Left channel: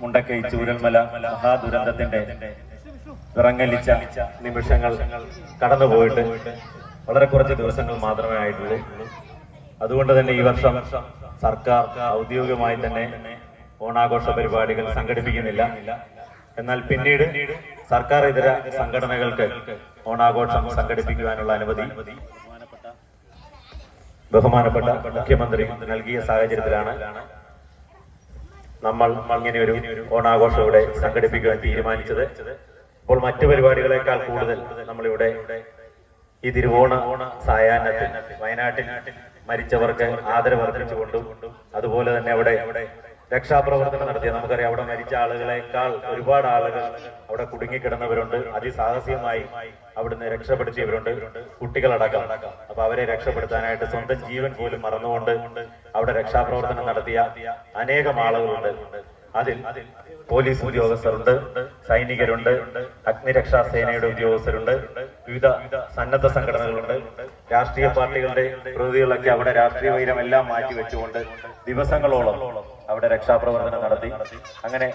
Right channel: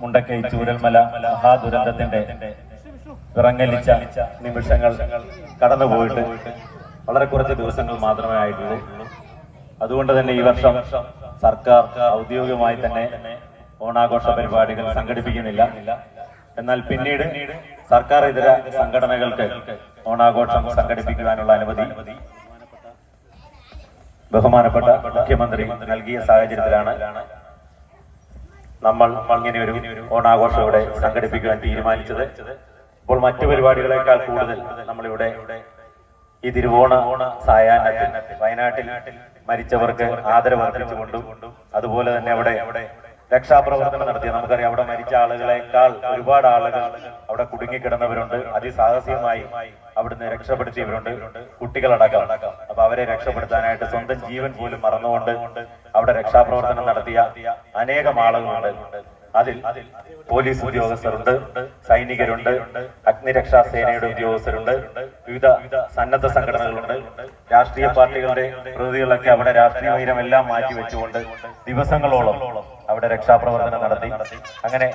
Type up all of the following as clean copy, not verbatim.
മുണ്ടക്കൈ ചൂരൽമല മഹാദുരന്തത്തിന്റെ വിറങ്ങലിച്ച നിമിഷങ്ങൾ കടന്നുപോയിട്ട് വളരെ കുറച്ച് ദിവസങ്ങൾ മാത്രമേ ആയിട്ടുള്ളൂ. അതുകൊണ്ട് തന്നെ ഈ വർഷം സർക്കാർ ഔദ്യോഗികമായി തന്നെ ഓണാഘോഷ പരിപാടികൾ സംഘടിപ്പിക്കുന്നില്ല. എന്നാൽ പിന്നീട് സർക്കാർ ഇതര സംഘടനകൾക്ക് ഓണാഘോഷം സംഘടിപ്പിക്കുവാനുള്ള അനുമതി ബഹുമാനപ്പെട്ട മുഖ്യമന്ത്രി നൽകിയ സാഹചര്യത്തിലാണ് നമ്മൾ ഇങ്ങനെ ഒരു ഓണാഘോഷം ഇവിടെ സംഘടിപ്പിക്കുവാൻ തീരുമാനിച്ചത്. ഇപ്പോൾ മറ്റു പരിപാടികളെക്കാൾ കൂടുതൽ നമ്മളിവിടെ ഈ തിരുവോണ സായാഹ്നത്തിൽ വയനാട്ടിൽ മരിച്ചവർക്ക് ആദരവ് അർപ്പിച്ചുകൊണ്ടും അതുപോലെ തന്നെ അവിടെ രക്ഷാപ്രവർത്തനം നടത്തിയ, നമുക്കറിയാം അവിടെ മരിച്ച ആളുകളെക്കാൾ ഒരുപാട് ആളുകൾ അവിടെ കുടുങ്ങിക്കിടന്നവരുണ്ട്, അതിസാഹസികമായി അവിടുന്ന് രക്ഷപ്പെടുത്തിയവരുണ്ട്, കുട്ടികളടക്കം. അപ്പൊ അവരെ രക്ഷപ്പെടുത്താനായിട്ട് സ്വന്തം ജീവൻ പോലും മറന്നുകൊണ്ട് അവിടെ രക്ഷാപ്രവർത്തനം നടത്തിയ അനേകം ആളുകളുണ്ട്. അതിൽ പോലീസ് ഉദ്യോഗസ്ഥരുണ്ട്, സൈനികരുണ്ട്, അഗ്നിരക്ഷാ സേനയുടെ ഉദ്യോഗസ്ഥരുണ്ട്, വിവിധ സന്നദ്ധ സംഘടനകളുണ്ട്, രാഷ്ട്രീയ പാർട്ടികളുടെ പ്രതിനിധികളൊക്കെ അവിടെ രാഷ്ട്രീയ വൈരമെല്ലാം മാറ്റിവെച്ചുകൊണ്ട് ദിവസങ്ങളോളം അവിടെ രക്ഷാപ്രവർത്തനം നടത്തി. അങ്ങനെ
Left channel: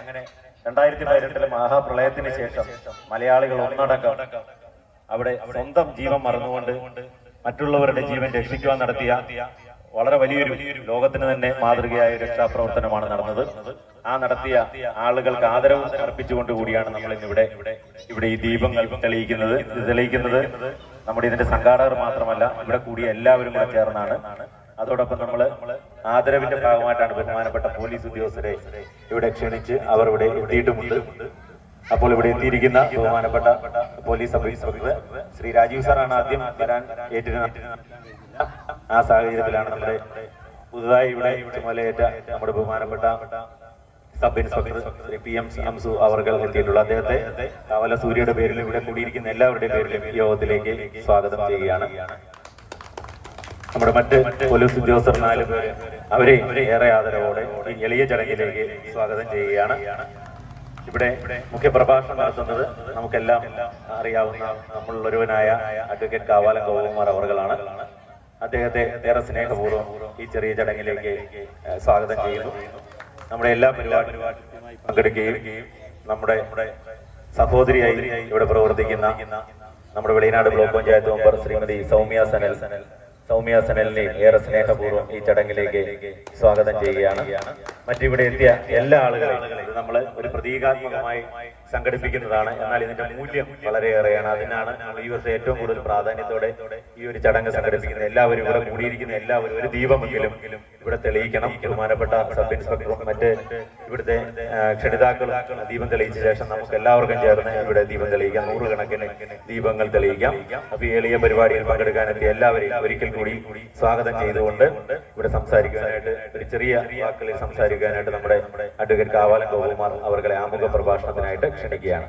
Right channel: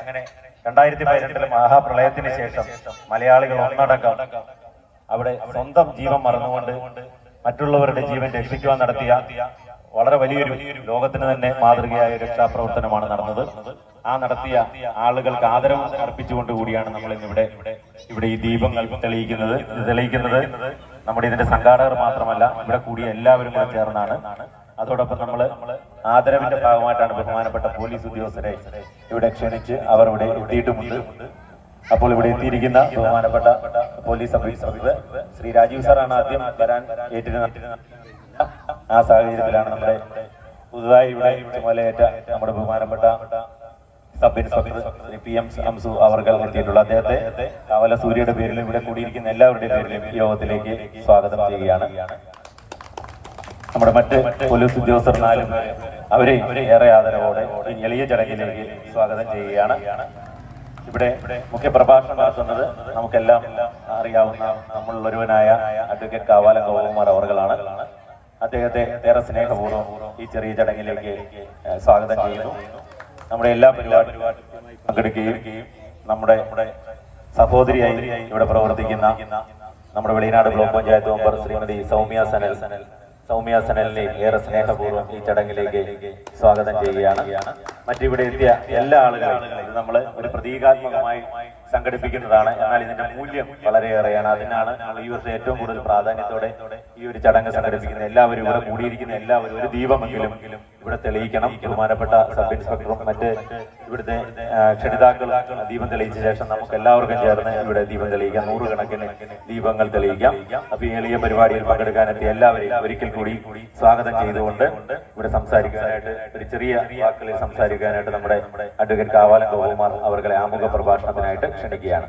2018 മഹാപ്രളയത്തിന് ശേഷം മലയാളികൾ ഒന്നടങ്കം അവിടെ സ്വന്തം ജീവൻ മറന്നുകൊണ്ട് മറ്റുള്ളവരുടെ ജീവൻ രക്ഷിക്കുവാൻ നടത്തിയ വളരെ വലിയൊരു ലോകത്തിന് തന്നെ മാതൃകയായ രക്ഷാപ്രവർത്തനമാണ് നടന്നത്. ആ നടത്തിയ ആളുകൾക്ക് ആദരവ് അർപ്പിച്ചുകൊണ്ട് കൂടിയാണ് നമ്മൾ ഇന്നിവിടെ ഈ ദീപങ്ങൾ തെളിയിക്കുന്നത്. ഇത് തെളിയിക്കുന്നത് നമ്മുടെ ഇതിന്റെ സംഘാടകർ മാത്രമല്ല, ഇവിടെ കൂടിയ എല്ലാവരും കൂടെ ചേർന്നാണ്. അതോടൊപ്പം നമ്മൾ ആദരവിന്റെ ഭാഗമായിട്ടാണ് ബഹുമാനപ്പെട്ട പോലീസ് ഉദ്യോഗസ്ഥരെ ഇവിടെ ക്ഷണിച്ച് അവർ ഇവിടെ എത്തിയിട്ടുമുണ്ട്. അപ്പോൾ ഇവിടെ എത്തിയിരിക്കുന്ന ബഹുമാനപ്പെട്ട police sub inspector Shri Rajeev സാറാണ് ആദ്യം വരാൻ ഏറ്റിരുന്നത്. ആ സാഹചര്യത്തിലാണ് നമ്മുടെ പുതുതായി ഇവിടെ ചുമതലയേറ്റ നമ്മുടെ ബഹുമാനപ്പെട്ട sub inspector Shri PM Amsu അവർ എത്തിയിട്ടുള്ളത്. അദ്ദേഹത്തെ കാവല സൂര്യയുടെ പേരിലും ഇവിടെ കൂടിയിരിക്കുന്ന എല്ലാവരുടെയും പേരിലും ഈ യോഗത്തിലേക്ക് സ്വാഗതം ചെയ്യുകയാണ്. നമ്മുടെ മറ്റ് പോലീസ് ഉദ്യോഗസ്ഥർ 4 പേര് അവരെ ഏറെ ആദരവോടെ ഈ എളിയ ചടങ്ങിലേക്ക് സ്വാഗതം ചെയ്യുകയാണ്. ഇവിടെ മുഖ്യ പ്രഭാഷണം നടത്തുന്നത് നമുക്കെല്ലാം അറിയാവുന്ന നമ്മളിലൊരുവനായ അഡ്വക്കേറ്റ് കാവാലം ഗോപകുമാർ അവർകളാണ്. അദ്ദേഹത്തെ ഏറെ സ്നേഹപൂർവ്വം ഈ ചെറിയ ചടങ്ങിലേക്ക് സ്വാഗതം ചെയ്യുന്നു. നമ്മുടെ എല്ലാ പരിപാടിയും പങ്കെടുക്കുകയും നമ്മുടെ സഹോദരിയായി ഇവിടെ പ്രവർത്തിക്കുന്ന നമ്മുടെ വെളിയനാട് ബ്ലോക്ക് പഞ്ചായത്ത് മെമ്പർ ശ്രീമതി സൗമ്യ സനലിനെ ഏറെ സ്നേഹപൂർവ്വം ഈ ചടങ്ങിലേക്ക് സ്വാഗതം ചെയ്യുകയാണ്. മറ്റിവിടെ എത്തിയ എല്ലാ ആളുകളും ഇത് നമ്മൾ ഒരു പ്രതീകാത്മകമായി സംഘടിപ്പിക്കുന്നതാണ്. എന്നാൽ ഇതിന്റെ മൂല്യം വളരെയേറെയാണ്. അതിനാണ് നമ്മൾ ഈ വർഷം ഏറ്റവും കൂടുതൽ പ്രാധാന്യത്തോടെ ഈ ഒരു ചടങ്ങ് സംഘടിപ്പിക്കുന്നത്. എല്ലാവരും ഇവിടെ കൂടിയിരിക്കുന്ന എല്ലാവരും ഒരു ദീപമെങ്കിലും ഇവിടെ തെളിയിക്കണം. ബഹുമാനപ്പെട്ട സബ് ഇൻസ്പെക്ടറും മറ്റ് ഇവിടുത്തെ ക്ഷണിതാക്കളും ദീപം തെളിയിച്ച ശേഷം നമുക്ക് എല്ലാവർക്കും ചേർന്ന് ഇവിടെ ദീപം തെളിയിക്കാം. 100 കണക്കിന് ദീപങ്ങൾ തെളിയിക്കാം. അപ്പൊ ഈ എളിയ പരിപാടിയിൽ പങ്കെടുക്കാനെത്തിയ എല്ലാവരെയും ഒരിക്കൽ കൂടി സ്വാഗതം ചെയ്തുകൊണ്ട് ഇവിടെ സംസാരിക്കാനായിട്ട് ഒരു ചെറിയ വാക്കുകളിൽ സംസാരിക്കാനായിട്ട് നമ്മുടെ അഡ്വക്കേറ്റ് കാവാലം ഗോപകുമാർ അവരുടെ ആമുഖ പ്രഭാഷണത്തിനായിട്ട് ക്ഷണിക്കുകയാണ്.